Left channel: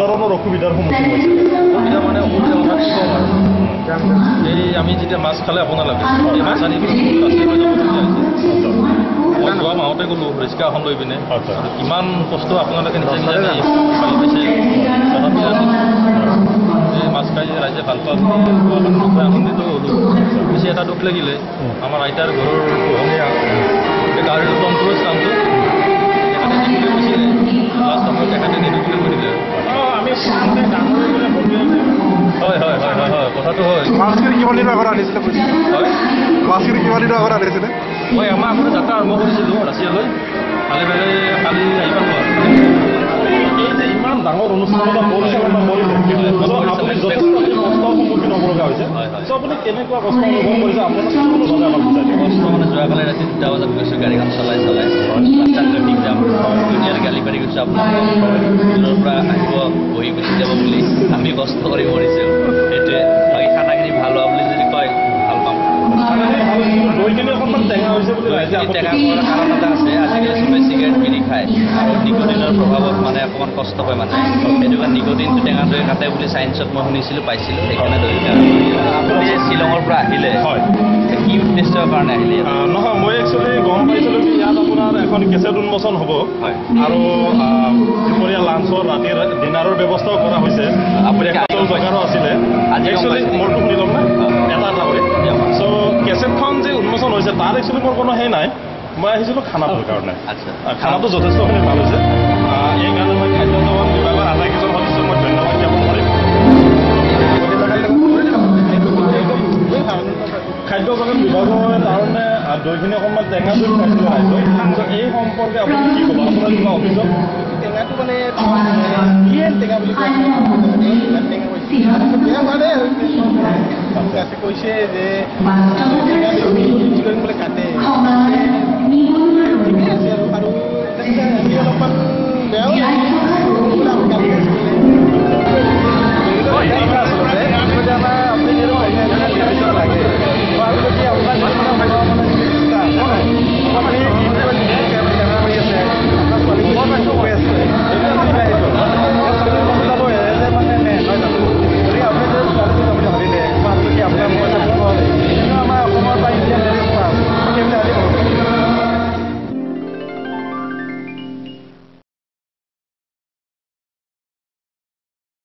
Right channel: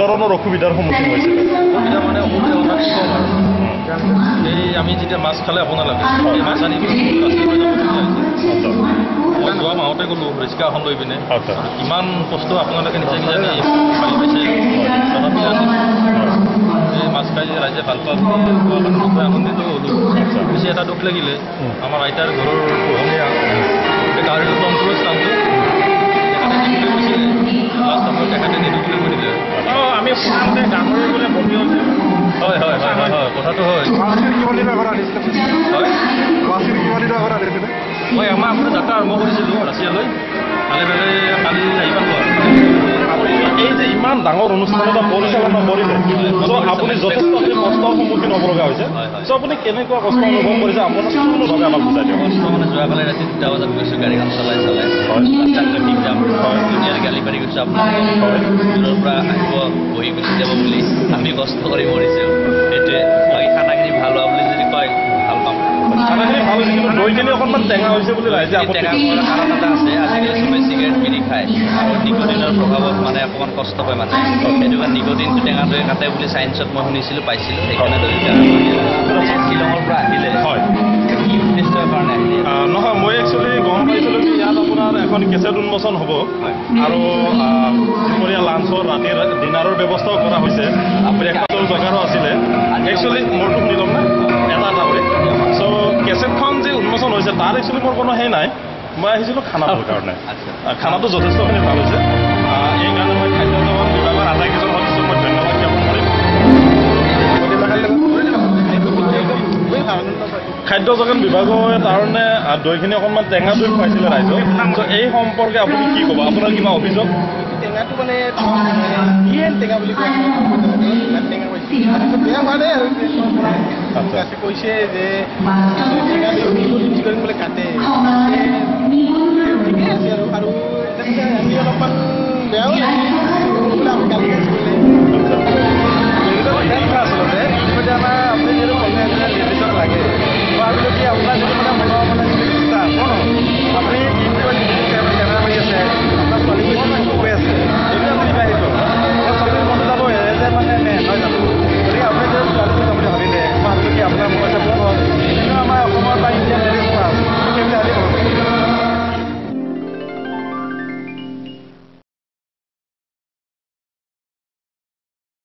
ধৰণৰ অসুবিধাৰ সন্মুখীন হৈছিল? অসুবিধা মানে অসুবিধা কথা কি ক'ম আৰু এই আমি যেতিয়া মাছ খালে আপোনালোকে এই মাছ আনি মই যোৱা মাহতে গ'লোঁ ৰিক্সা এখন লৈ পিনে ইমান কষ্ট আপোনালোকে নিজে নিজে পাই পাইছে তথাপি এই মাছ খাই ৰাইজে ভাল পোৱা আনন্দিত হ'লোঁ। বেছি এটা দুখ লাগিলে আমাৰ আইতাৰ ঘৰৰ পোহনীয়া এই গাহৰিটো টমটমৰ নামটো তেখেতে নিদিবলৈ কৈছিলে লাষ্ট সময়ত তেখেতে নিদিবলৈ কৈ দিলে। আমি শুনামতে গাহৰি বোলে বহি আছে। হয় হয় হয় হয় হয় কথাটো হয়। কিমান দিনৰ আগত আনিছিলে? হয় কিমান দিনৰ আগত আনিছিলে? মই এমাহ আগতে যাত্ৰা আৰম্ভ কৰিছিলোঁ ৰাছিয়ালৈ। কালি আহি পালোঁ আৰু এই যে ইমান ডাঙৰ অনুষ্ঠান এটা পৰিচালনা কৰিলে আপুনি যথেষ্টখিনি কষ্টৰ সন্মুখীন হ'ব লগা হৈছে। চ' আপুনি কেনেকুৱা কষ্ট অনুভৱ কৰিছে আপোনাৰ সম্পূৰ্ণভাৱে আমাক বুজাই দিয়ক। কষ্ট মানে যোৱাকালি ৰাতি 2টা বজাত গৈছোঁ গাড়ীখন চলাই ৰাস্তাত ট্ৰেফিক জাম ধুনীয়াৰ গালি পাৰি গৈছোঁ আপোনালোকক দূৰৰ পৰা আহিব বহি গুচি যাব বুলি আমি কষ্ট কৰি মৰিছোঁ। সেইটোৱে বাকী খানাখিনি ভাল হোৱা বুলি যদি কয় ভাল পাম। দৈখিনি অকণমান টেঙা হৈছে বুলি ৰাইজে টেঙা খোৱাৰ কাৰণ এটা আছে আজিকালি চবেই চিগাৰেট বিড়ি খায় আৰু নিকোটিনৰ প্ৰভাৱত মানে অকণমান কষ্ট হয় মানে সেইটো কাৰণে নিকোটিনটো টেঙা দৈ কাটে বুলি চায়েন্সত মই শুনিছিলোঁ পাইছিলোঁ সেইকাৰণে শ্বিলঙৰ পৰা আহিলে হয় কি উদ্দেশ্যৰ কাৰণে আহিলে? নহয় মই একচুৱেলি গম পাইছিলোঁ কি ইয়াত আপোনাৰ এখন কেছেট উন্মোচন হ'ব আৰু দুপৰীয়া লাঞ্চৰ ৰাতিৰ ডিনাৰৰ ব্যৱস্থাও কৰা হৈছে। ব্ৰেকফাষ্টৰ জেগাৰো আছিলে। একচুৱেলি মোৰটো শুনি ল'ম না এটা কৰি চ' কেছেটখন যে উন্মোচন হৈছে তাৰ একচুৱেলি মোৰ কোনো সেই নাই। মই আহিছিলোঁ খানাটোৰ কাৰণে। খানাটো যথেষ্টখিনি ভাল হৈছে। এই কাৰণে মই খাদ্য যোগান বিভাগৰ আটাইকেইজন সদস্যক মই ধন্যবাদ জ্ঞাপন কৰিম। খাদ্য যোগান বিভাগৰ কাৰণে দৈখিনি অকণমান টেঙা দৈ খুৱাইছিলে ৰাইজক। এই সম্পৰ্কে আপুনি কি ক'ব? আপোনাৰ কিবা অভিযোগ? টেঙাটো মানে টেঙা বুলি কয় ইমান টেঙা কৈছে বেয়া হোৱা নাই আৰু কৈছে যে টেঙা কৰিম বোলে কাটে